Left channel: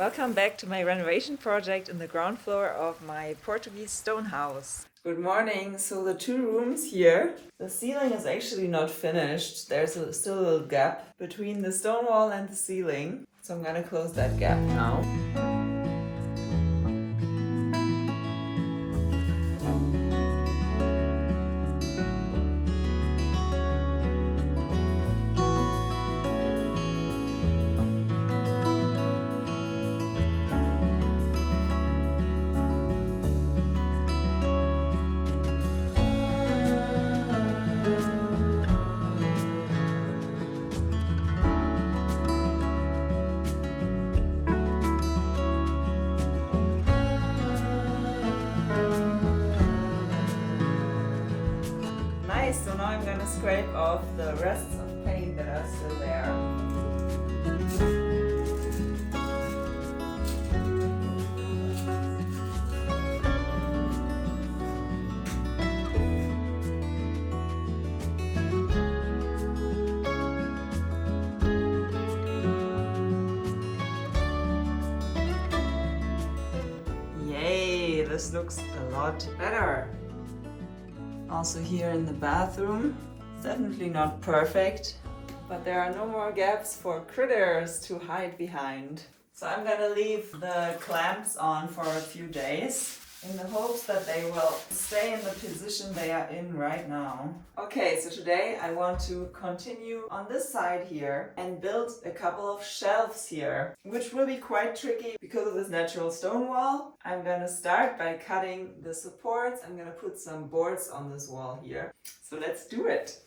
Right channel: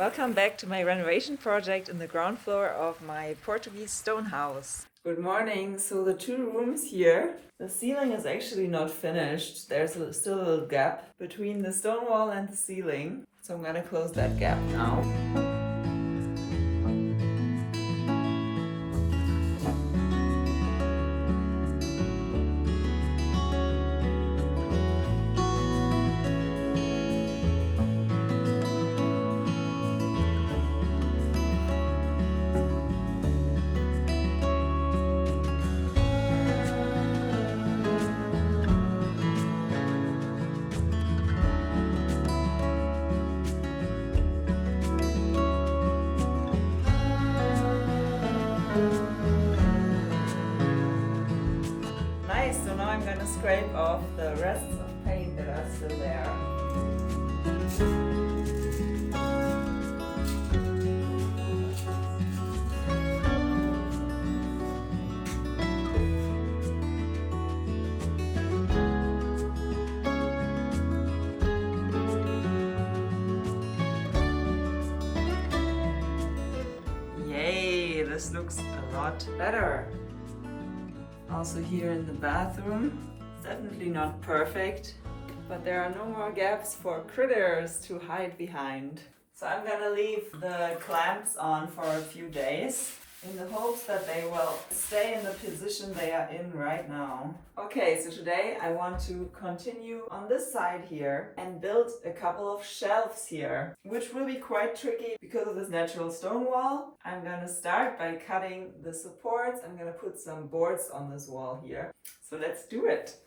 Welcome back to my renovation project in the ground floor of my Portuguese stone house. Good morning. So the two rooms here, the ceiling is actually not finished. There's still a little gap between the stone wall and the ceiling. So I'm gonna close that gap now. Nice, so now I'm gonna scrape off the rests of paint that are still there. Yay, this looks a lot better. Also here in the bathroom, definitely not perfect, but there are no more gaps for critters to hide behind. So I'm gonna leave the clamps on for a few days in the hopes that they will stay in the position they are in right now. Okay, so today I want to continue on this side here and build a couple of shelves here, which will be quite tricky because of this natural stone wall. I'm gonna start by cutting the supports. I'm gonna put some boards on this wall here. So let's do it.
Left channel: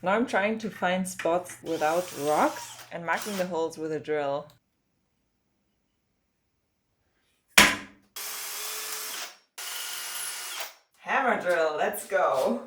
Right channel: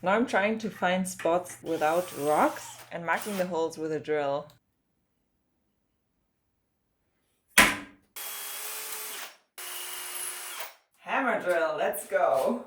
Now I'm trying to find spots without rocks and marking the holes with a drill. Hammer drill, let's go!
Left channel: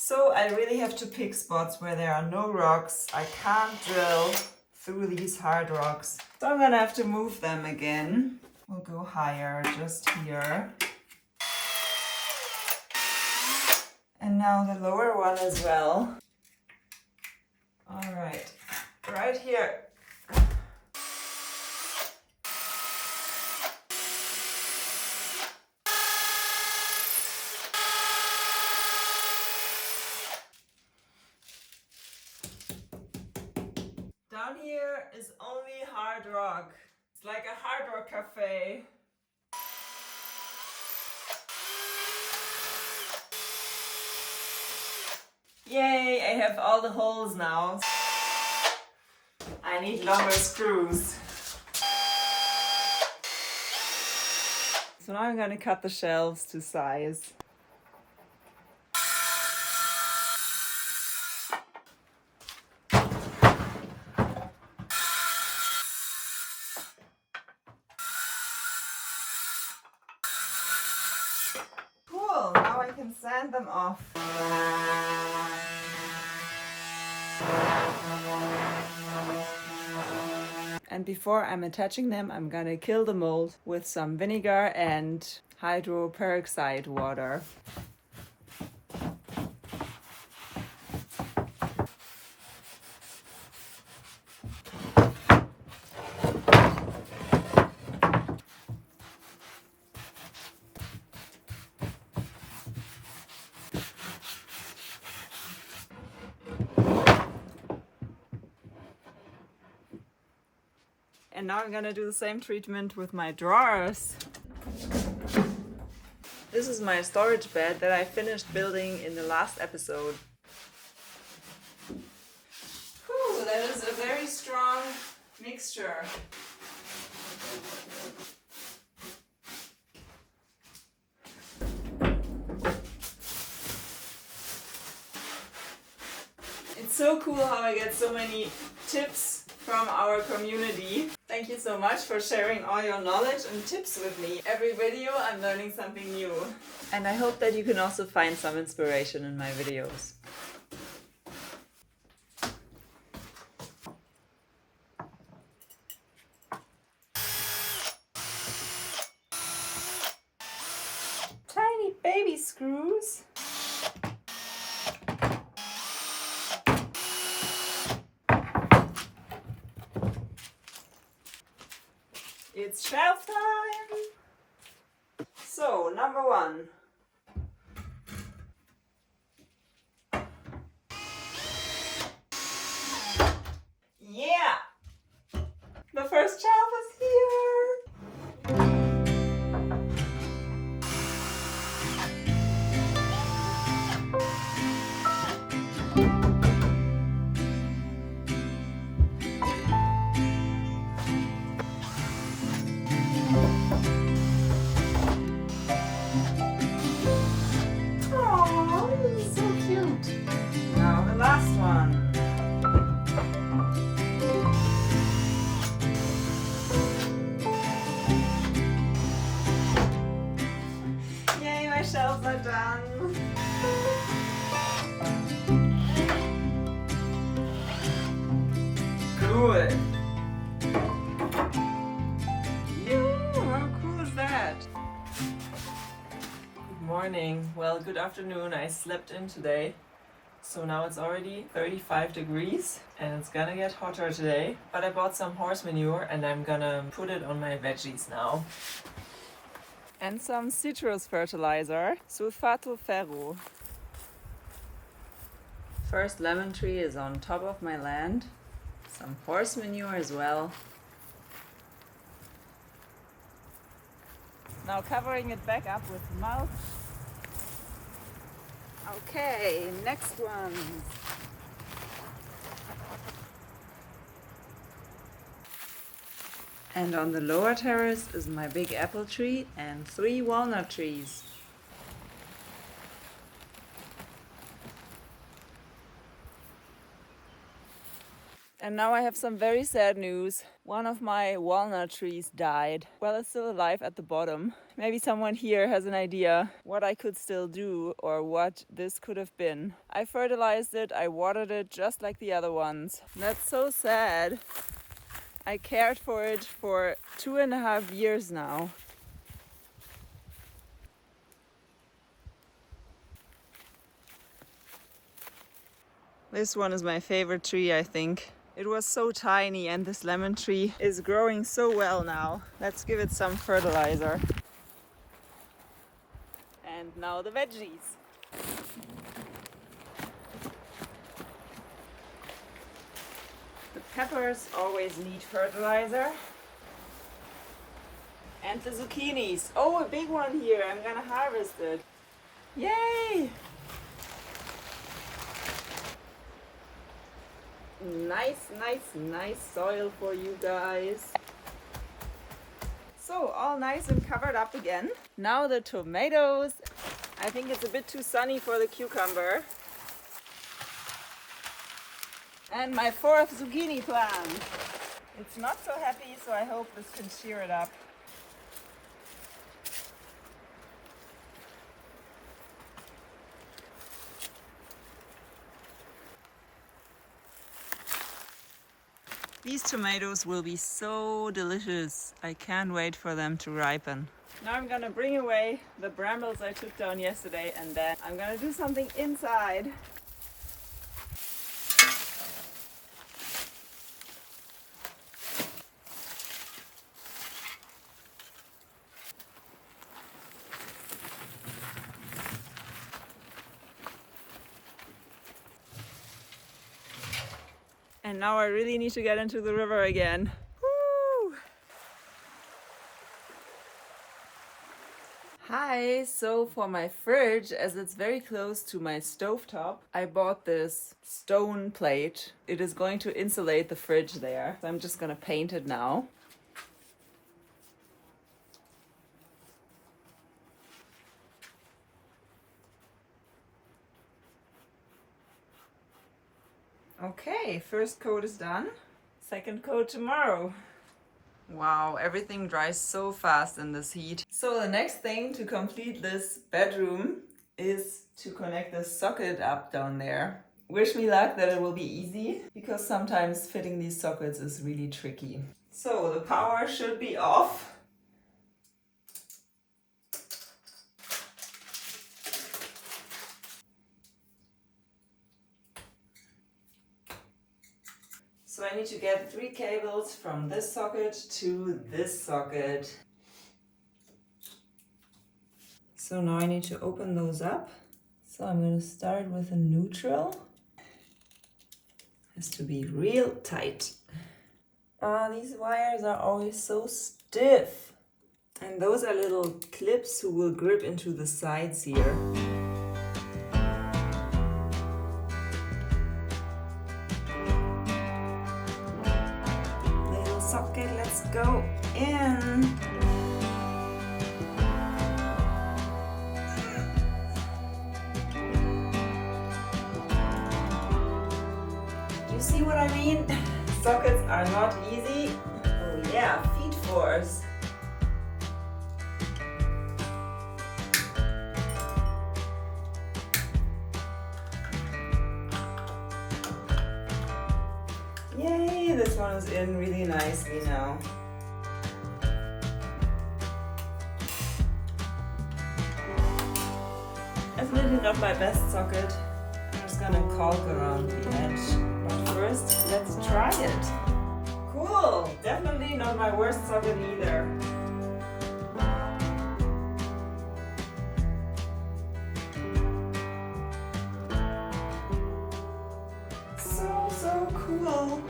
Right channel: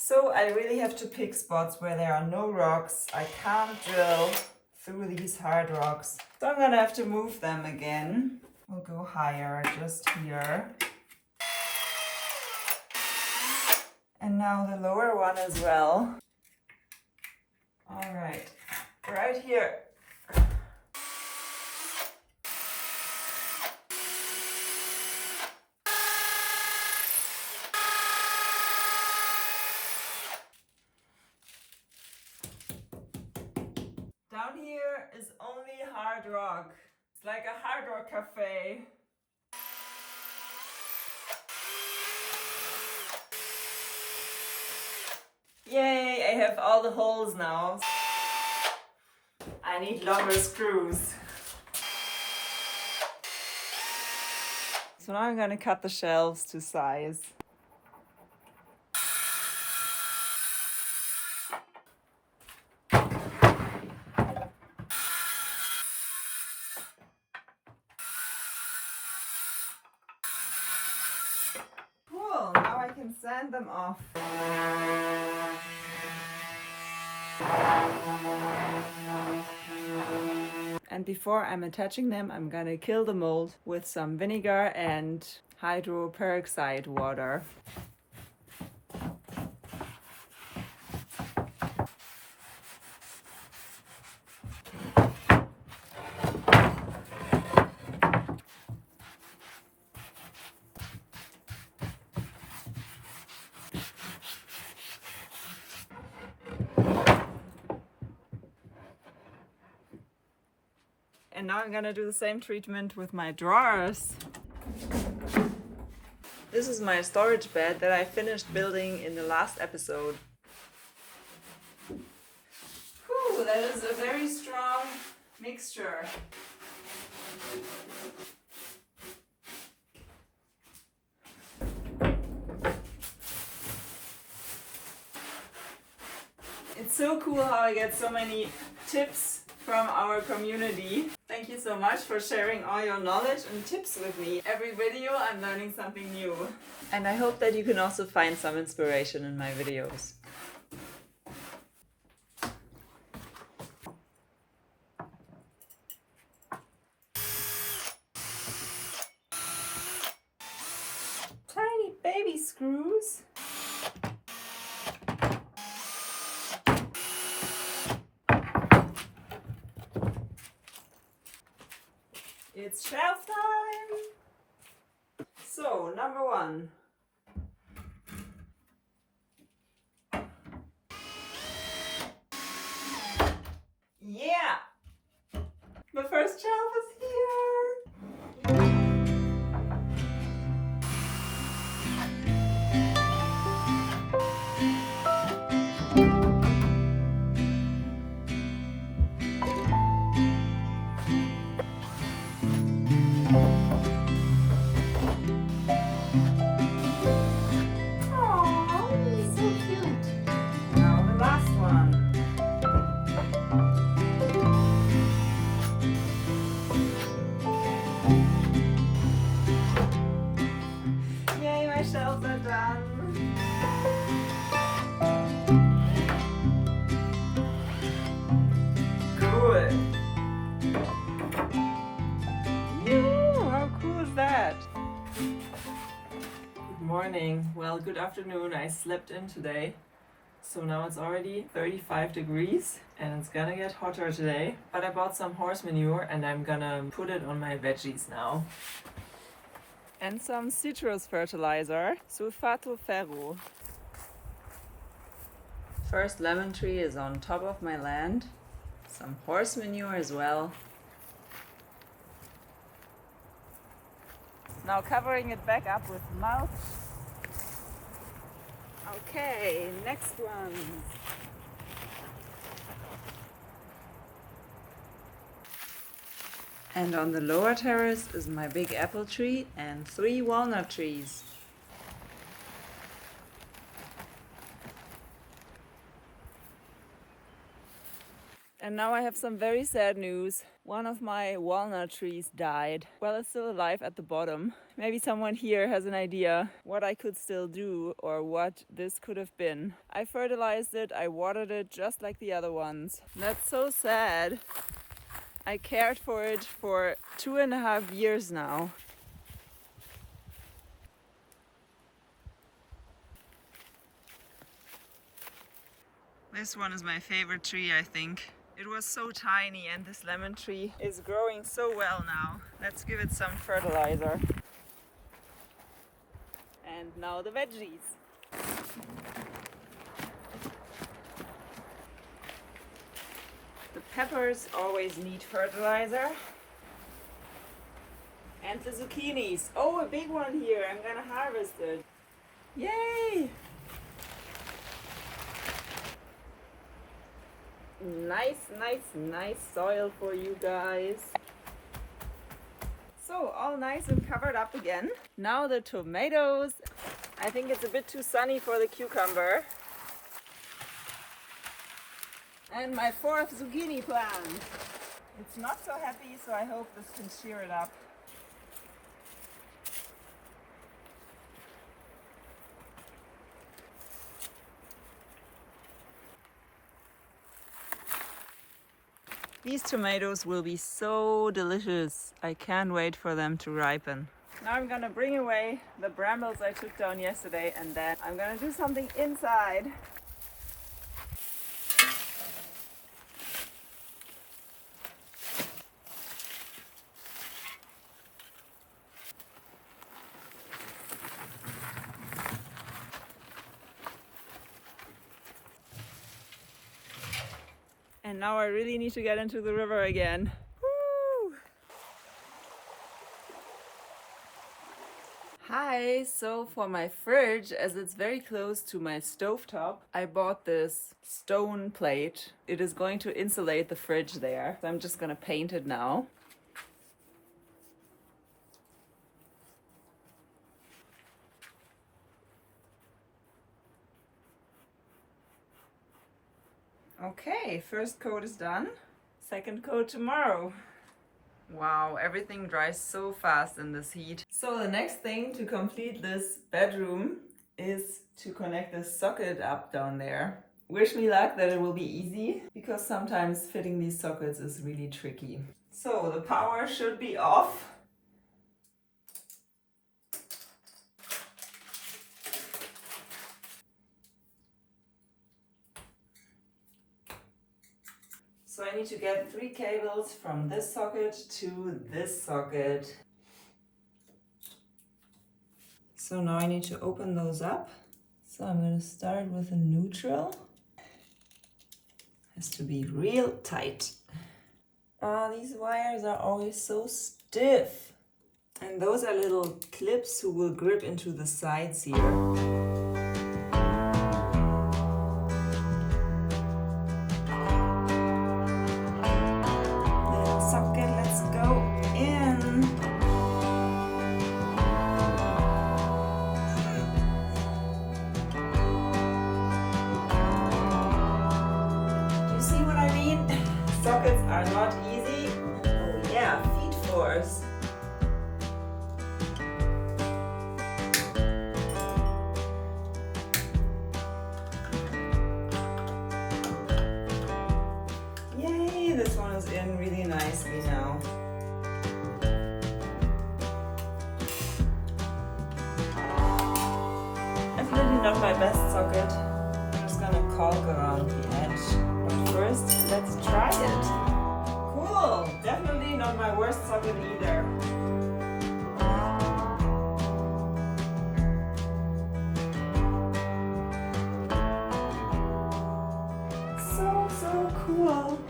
So I really have to pick spots where there are no rocks. I can't drill through these hard rocks. So I'm gonna have to move them again. We'll go higher, just here. And now the lower one as well. All right here. Down here is only hard rock. It's like a hard rock cafe. Yay, I have all the holes now. I need longer screws. So now I'm gonna cut the shelves to size. Cool, now I can sand them off. And before I'm attaching them, I'm gonna kill the mold with some vinegar and hydroperoxide water. And now I'm gonna do the same treatment with my drawers. This is my storage bed that I finished building in the last episode. Whew, that is a very strong mixture. so cool how I get so many tips from our community. Thank you so much for sharing all your knowledge and tips with me. Every video I'm learning something new. And I hope that you can also find some inspiration in my videos. Tiny baby screws. It's shelf time! So, number 1. Yeah! The first shelf is here! Shelves are done. Good. How cool is that? Good morning. Well, good afternoon. I slept in today. So now it's already 35 degrees and it's gonna get hotter today. But I bought some horse manure and I'm gonna put it on my veggies now. And some citrus fertilizer, sulfato ferro. First lemon tree is on top of my land. Some horse manure as well. Now covering it back up with mulch. Okay, next one. And on the lower terrace is my big apple tree and 3 walnut trees. And now I have some very sad news. One of my walnut trees died. Well, it's still alive at the bottom. Maybe someone here has an idea what I could still do or what this could have been. I fertilized it, I watered it just like the other ones. That's so sad. I cared for it for 2.5 years now. This one is my favorite tree, I think. It was so tiny and this lemon tree is growing so well now. Let's give it some fertilizer. And now the veggies. The peppers always need fertilizer. And the zucchinis. Oh, a big one here. I'm gonna harvest it. Yay! Nice soil for you guys. So, all nice and covered up again. Now the tomatoes. I think it's a bit too sunny for the cucumber. And my 4th zucchini plant. It's not so happy, so I hope this can cheer it up. These tomatoes will be so delicious. I can't wait for them to ripen. Now I'm gonna bring away the brambles I took down yesterday and then I'm gonna do something inside. And now I really need to get into the river again. Woo! Hi, so for my fridge, as it's very close to my stovetop, I bought this stone plate. It is going to insulate the fridge there. So I'm just gonna paint it now. Okay, first coat is done. Second coat tomorrow. Wow, everything dries so fast in this heat. So the next thing to complete this bedroom is to connect the socket up down there. Wish me luck that it will be easy, because sometimes fitting these sockets is really tricky. So the power should be off. So I need to get 3 cables from this socket to this socket. So now I need to open those up. So I'm going to start with a neutral. Has to be real tight. These wires are always so stiff. And those are little clips who will grip into the sides here. Little socket, let's go in. Do you see what I mean? Sockets are not easy. Oh yeah, feed force. Yay, this one is in really nicely now. Definitely not my best socket. I'm just gonna caulk around the edge. But first, let's try it. Cool, definitely not my worst socket either. So cool.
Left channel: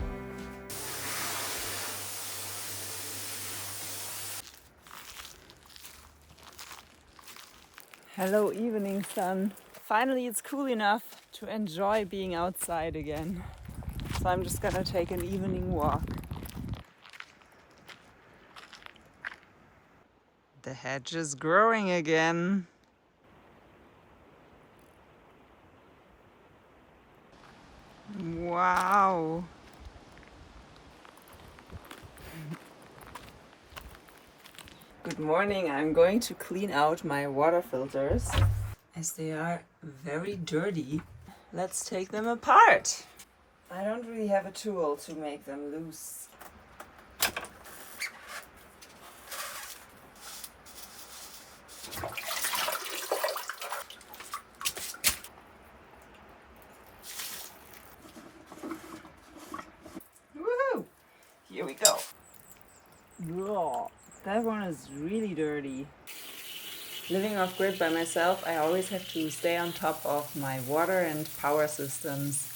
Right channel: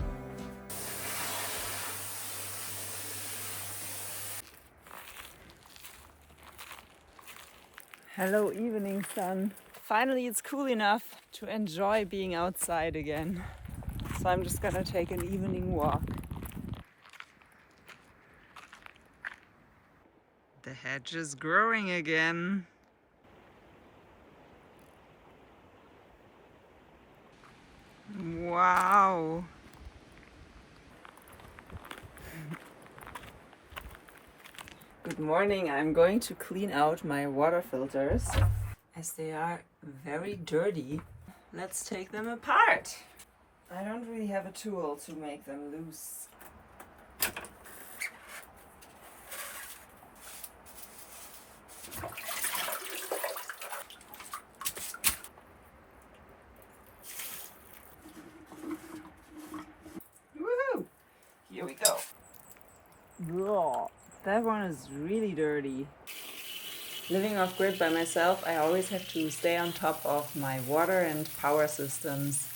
Hello, evening sun. Finally, it's cool enough to enjoy being outside again. So I'm just gonna take an evening walk. The hedge is growing again. Wow. Good morning. I'm going to clean out my water filters as they are very dirty. Let's take them apart. I don't really have a tool to make them loose. Woohoo! Here we go. Whoa, that one is really dirty. Living off grid by myself, I always have to stay on top of my water and power systems.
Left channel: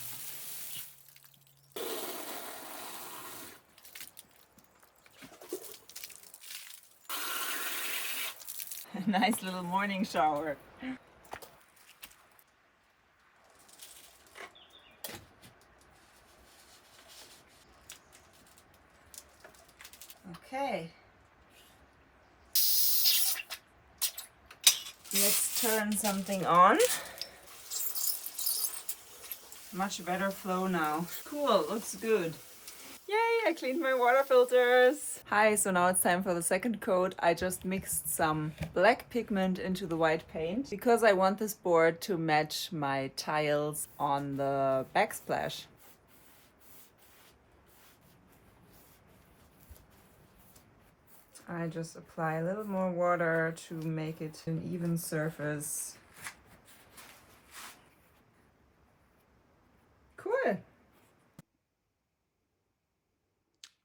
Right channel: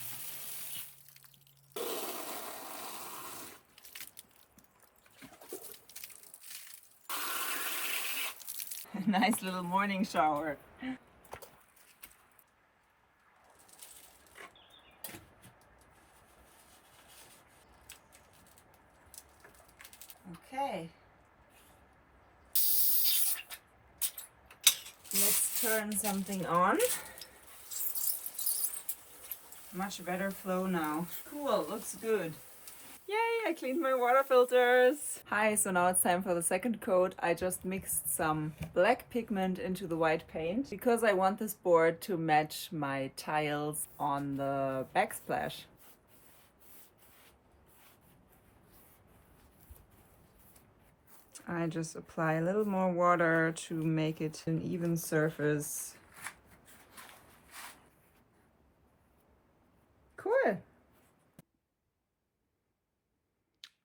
A nice little morning shower. Okay. Let's turn something on. Much better flow now. Cool, looks good. Yay, I cleaned my water filters. Hi, so now it's time for the second coat. I just mixed some black pigment into the white paint because I want this board to match my tiles on the backsplash. I just apply a little more water to make it an even surface. Cool.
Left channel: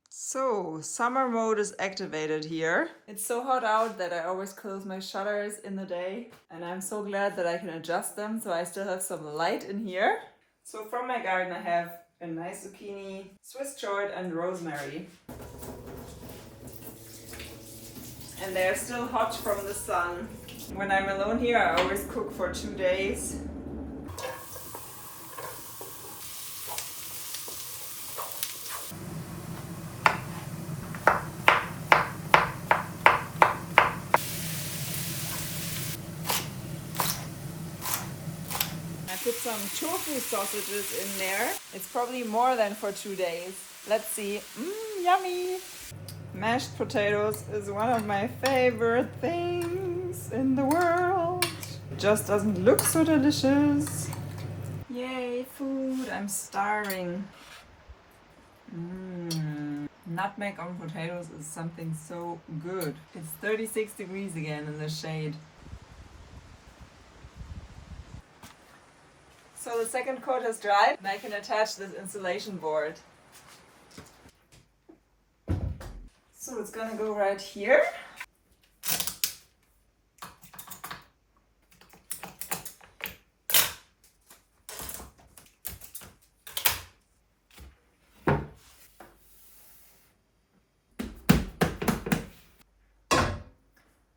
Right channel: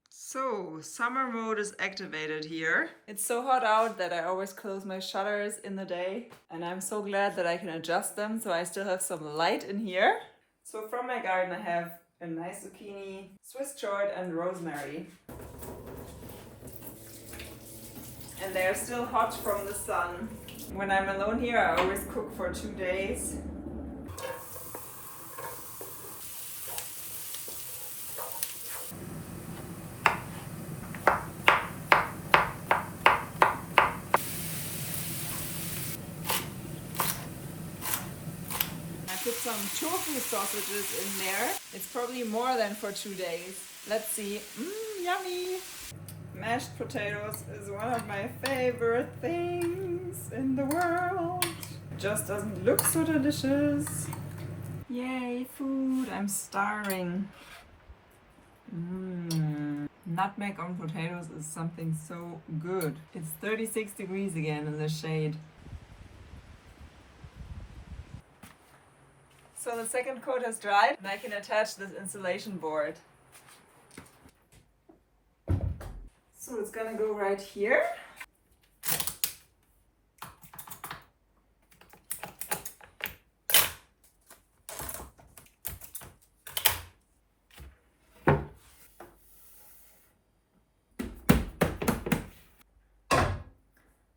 So, summer mode is activated here. It's so hot out that I always close my shutters in the day, and I'm so glad that I can adjust them so I still have some light in here. So from my garden I have a nice zucchini, Swiss chard and rosemary. And they're still hot from the sun. When I'm alone here, I always cook for 2 days. put some tofu sausages in there. It's probably more than for 2 days. Let's see. Yummy! Mashed potatoes is one of my favorite things in the world. Just doesn't look so delicious. Yay, food! I'm starving. Nutmeg on potatoes is something so good. It's 36 degrees again in the shade. So the second coat has dried and I can attach this insulation board. So it's gonna go right here.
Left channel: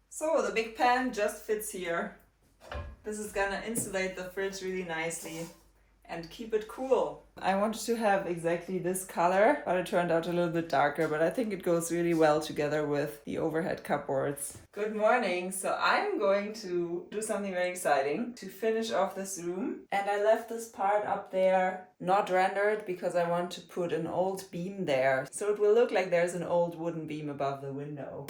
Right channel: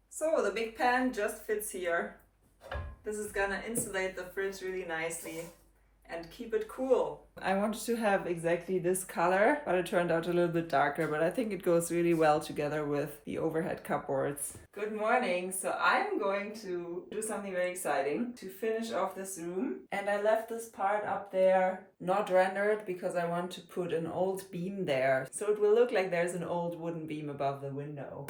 So the big pan just fits here. This is gonna insulate the fridge really nicely and keep it cool. I wanted to have exactly this color, but it turned out a little bit darker, but I think it goes really well together with the overhead cupboards. Good morning. So I'm going to do something very exciting to finish off this room. And I left this part up there not rendered because I want to put an old beam there. So it will look like there's an old wooden beam above the window.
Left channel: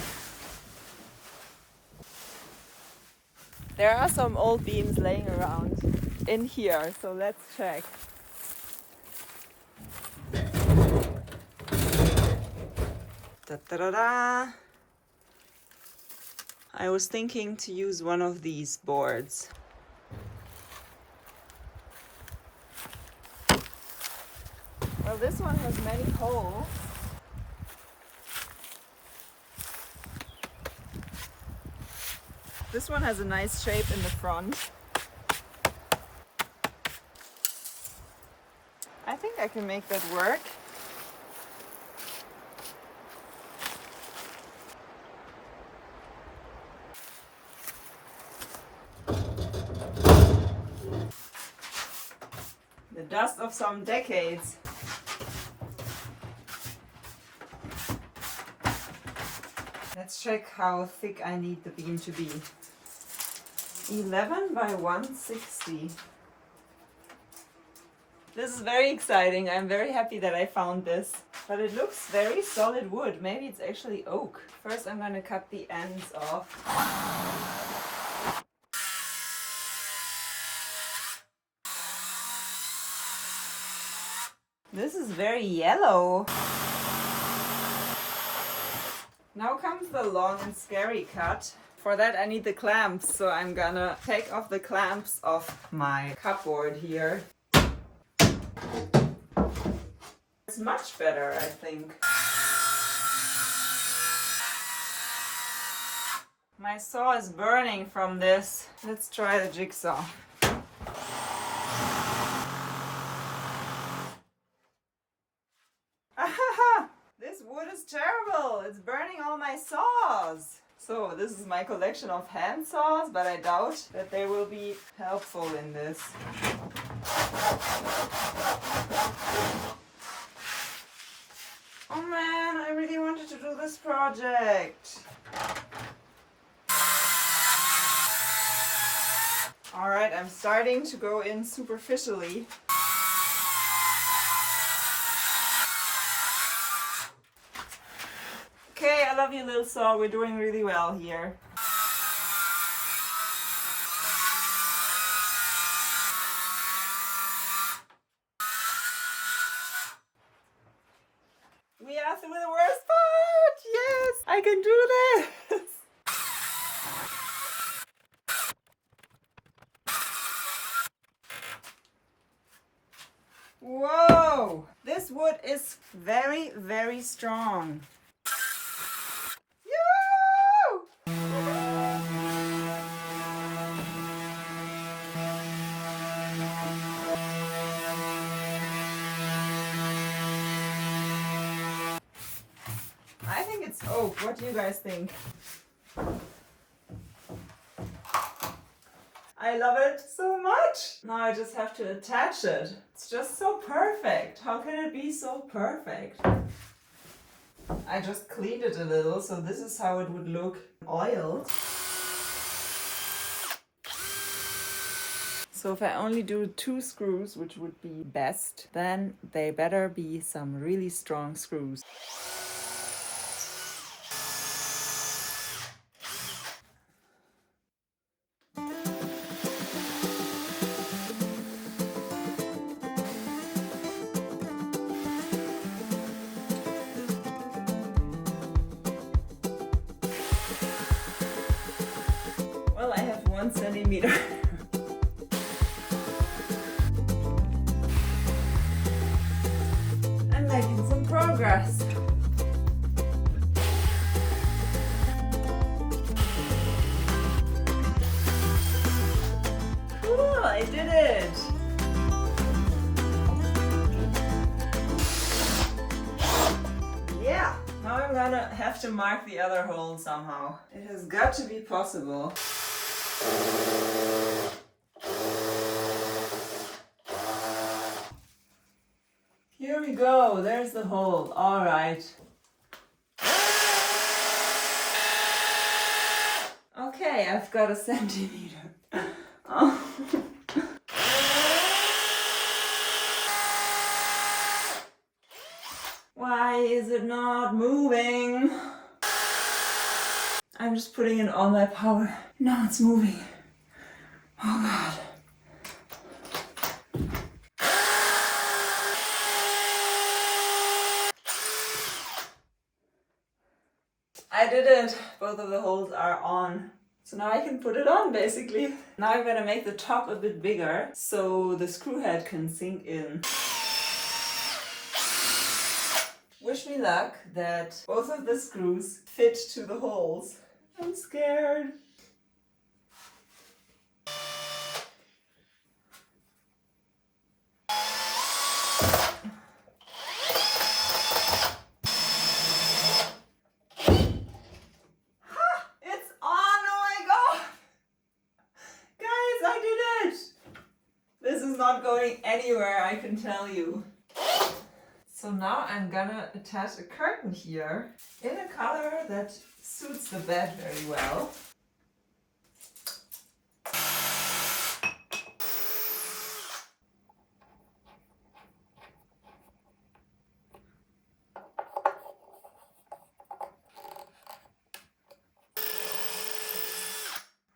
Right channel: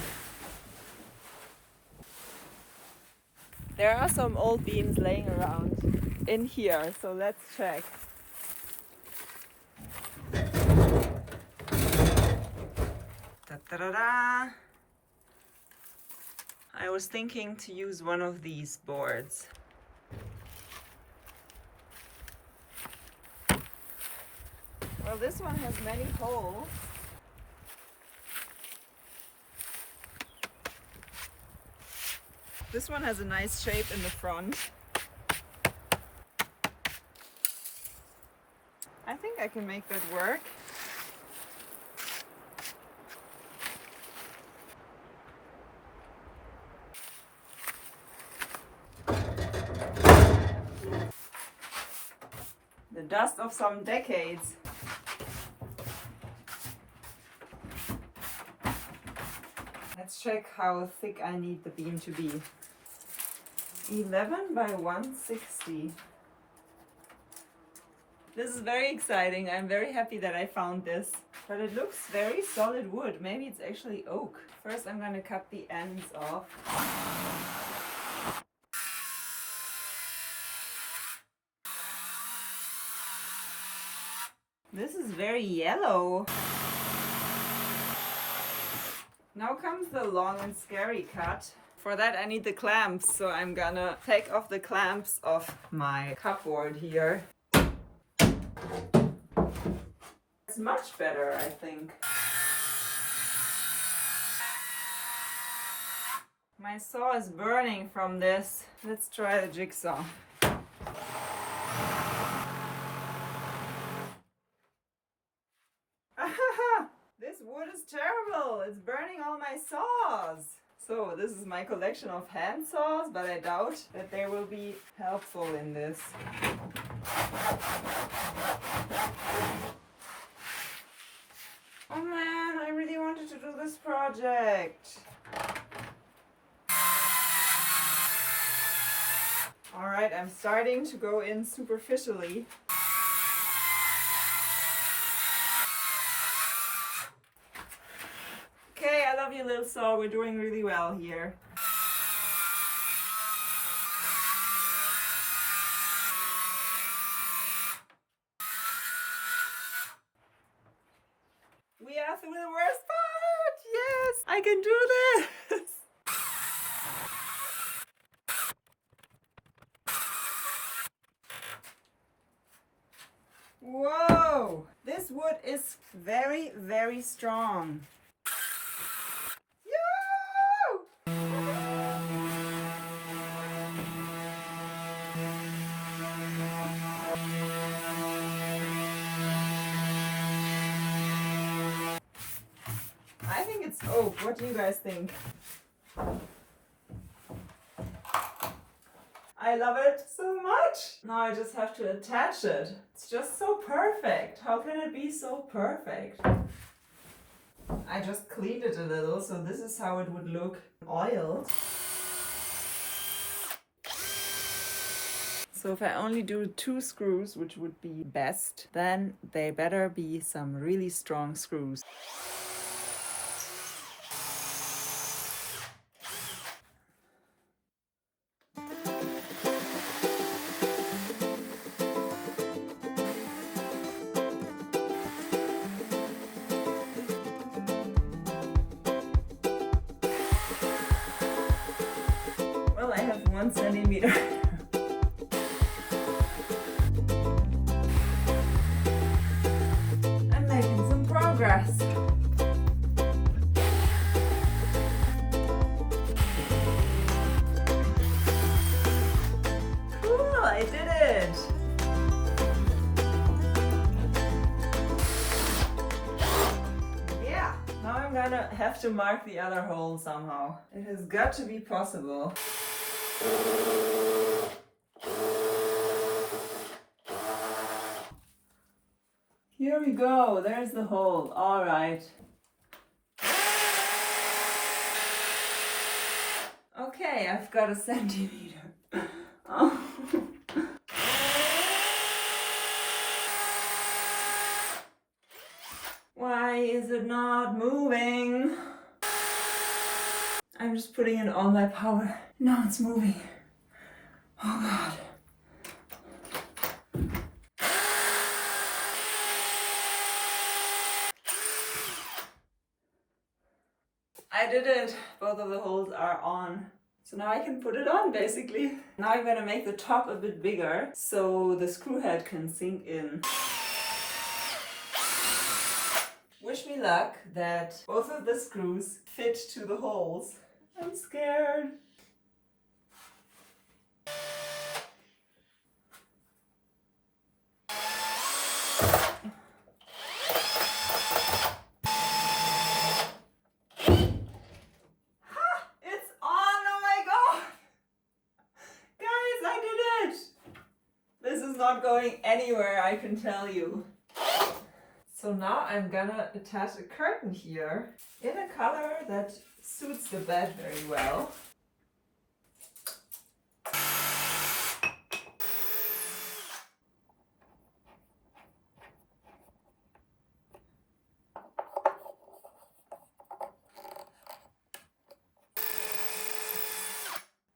There are some old beams laying around in here, so let's check. Da-da-da-da. I was thinking to use one of these boards. Well, this one has many holes. This one has a nice shape in the front. I think I can make that work. The dust of some decades. Let's check how thick I need the beam to be. 11 by 160. This is very exciting. I'm very happy that I found this. But it looks very solid wood. Maybe it's actually oak. First I'm going to cut the ends off. This is very yellow. Now comes the long and scary cut. For that I need the clamps, so I'm gonna take off the clamps of my cupboard here. It's much better, I think. My saw is burning from this. Let's try the jigsaw. This wood is terrible. It's burning all my saws. So this is my collection of hand saws, but I doubt that they will be helpful in this. Oh man, I really wanted to do this project. Alright, I'm starting to go in superficially. Okay, I love you, little saw. We're doing really well here. We are through the worst part! Yes! I can do this! Whoa! This wood is very, very strong. I think it's oak. What do you guys think? I love it so much. Now I just have to attach it. It's just so perfect. How can it be so perfect? I just cleaned it a little, so this is how it would look oiled. So if I only do 2 screws, which would be best, then they better be some really strong screws. Well, I have 1 centimeter. I'm making some progress. Cool, I did it! Yeah, now I'm gonna have to mark the other hole somehow. It has got to be possible. Here we go, there's the hole. All right. Okay, I've got a centimeter. Oh. Why is it not moving? I'm just putting in all my power. Now it's moving. Oh God. I did it! Both of the holes are on. So now I can put it on basically. Now I'm gonna make the top a bit bigger so the screw head can sink in. Wish me luck that both of the screws fit to the holes. I'm scared. Not going anywhere, I can tell you. So now I'm gonna attach a curtain here in a color that suits the bed very well.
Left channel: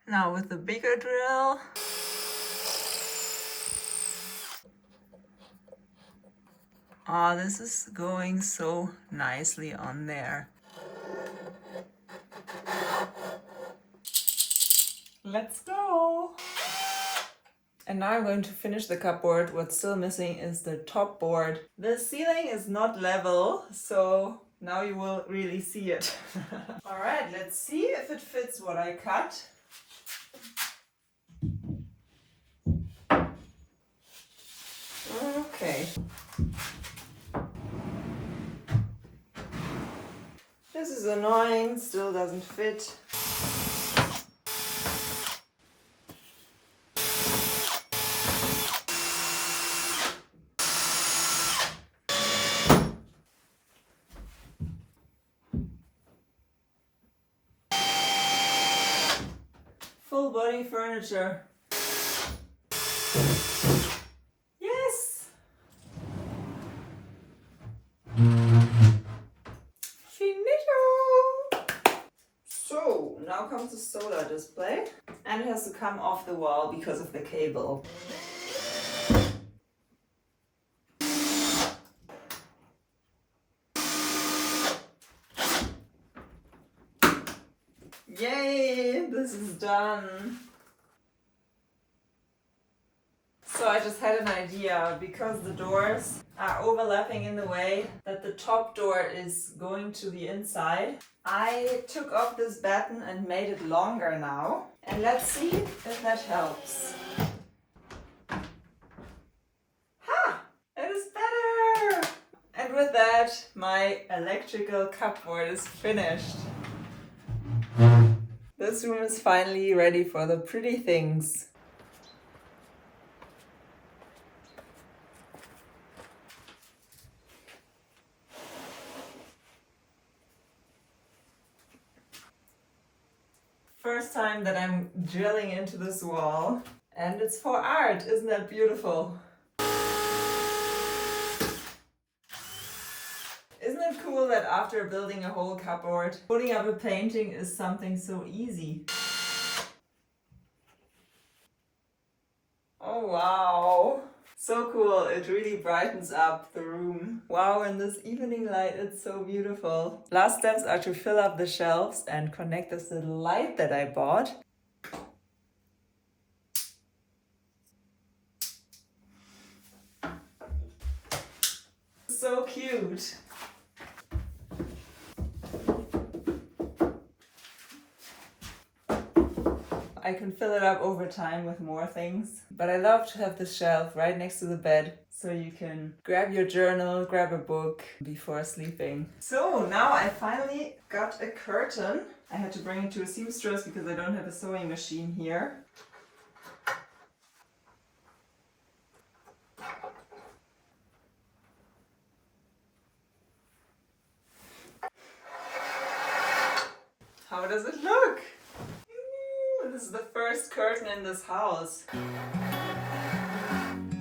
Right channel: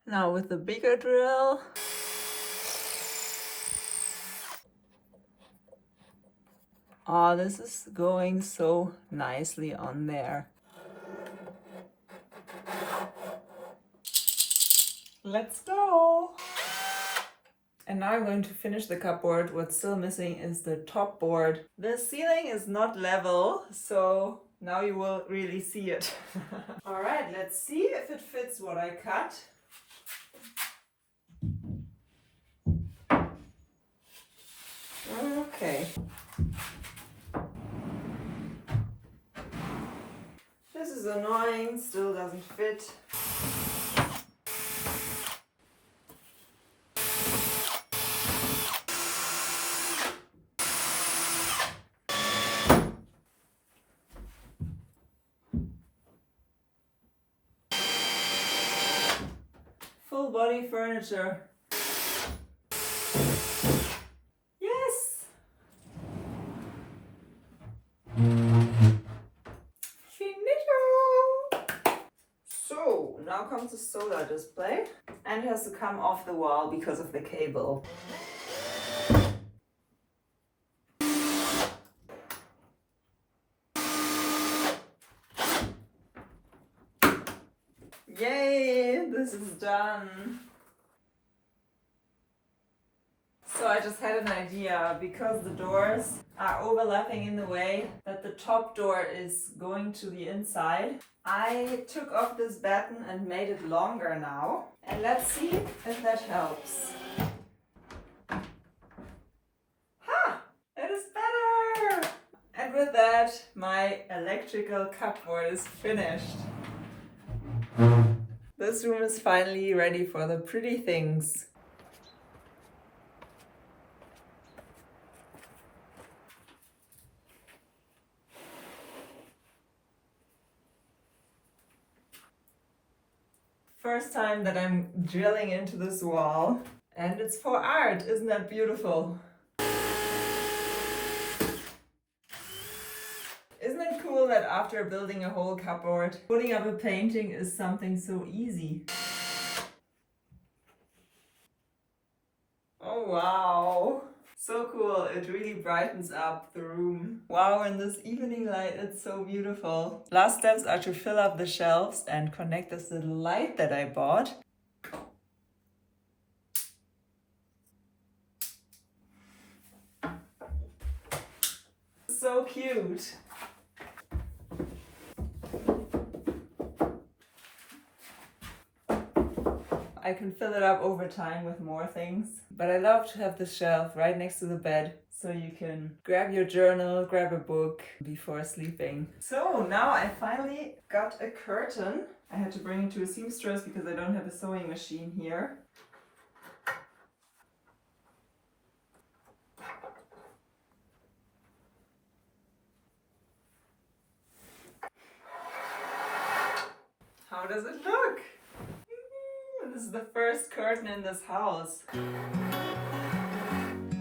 Now with the bigger drill. Oh, this is going so nicely on there. Let's go! And now I'm going to finish the cupboard. What's still missing is the top board. The ceiling is not level, so now you will really see it. All right, let's see if it fits what I cut. Okay. This is annoying, still doesn't fit. Full body furniture. Yes! So now comes the solar display, and it has to come off the wall because of the cable. Yay, this is done. So I just had an idea, because the doors are overlapping in the way that the top door is going to the inside. I took off this batten and made it longer now. And let's see if that helps. Ha! It is better! And with that, my electrical cupboard is finished. This room is finally ready for the pretty things. First time that I'm drilling into this wall, And it's for art, isn't that beautiful? Isn't it cool that after building a whole cupboard, putting up a painting is something so easy? Oh wow! So cool, it really brightens up the room. Wow, in this evening light, it's so beautiful. Last steps are to fill up the shelves and connect this little light that I bought. So cute! I can fill it up over time with more things. But I love to have this shelf right next to the bed so you can grab your journal, grab a book before sleeping. So now I finally got a curtain. I had to bring it to a seamstress because I don't have a sewing machine here. How does it look? This is the first curtain in this house.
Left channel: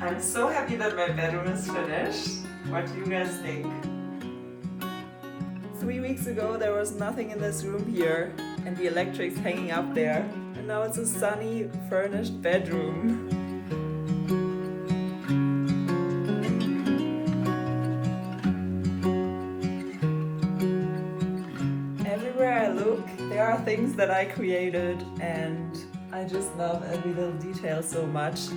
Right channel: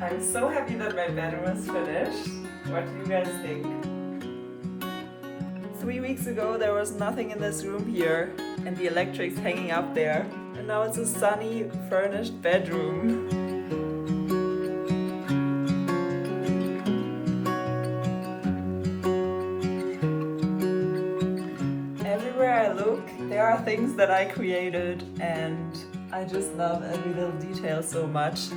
I'm so happy that my bedroom is finished. What do you guys think? 3 weeks ago there was nothing in this room here and the electric's hanging up there. And now it's a sunny, furnished bedroom. Everywhere I look, there are things that I created and I just love every little detail so much.